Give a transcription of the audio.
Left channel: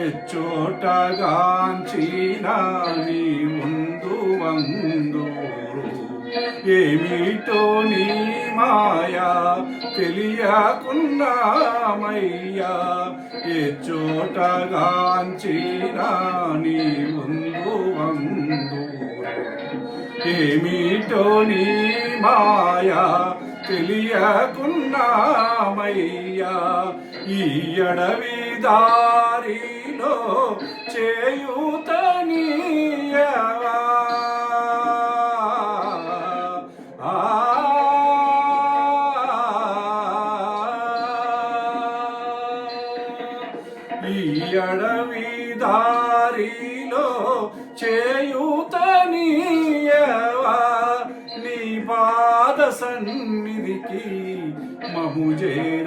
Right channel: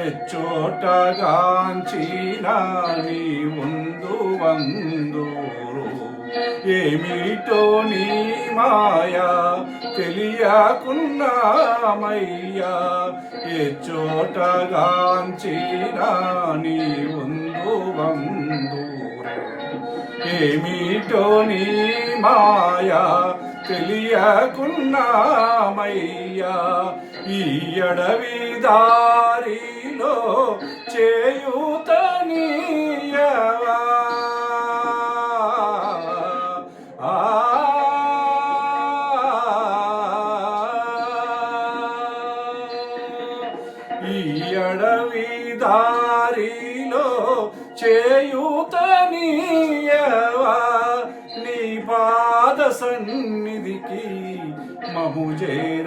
ఎచ్చోటగాంచిన నీ ఉందు వందూరు ఏమిటో నీ మాయా తెలియకున్నామయ్యా ఎచ్చోటగాంచిన నీ ఉందు వందూరు ఏమిటో నీ మాయా తెలియకున్నామయ్యా ఈ అడవి దారిలో చేయూతనీయవా ఈ అడవి దారిలో చేయూతనీయవా నీ పాద సన్నిధికి మము చేరనీయవా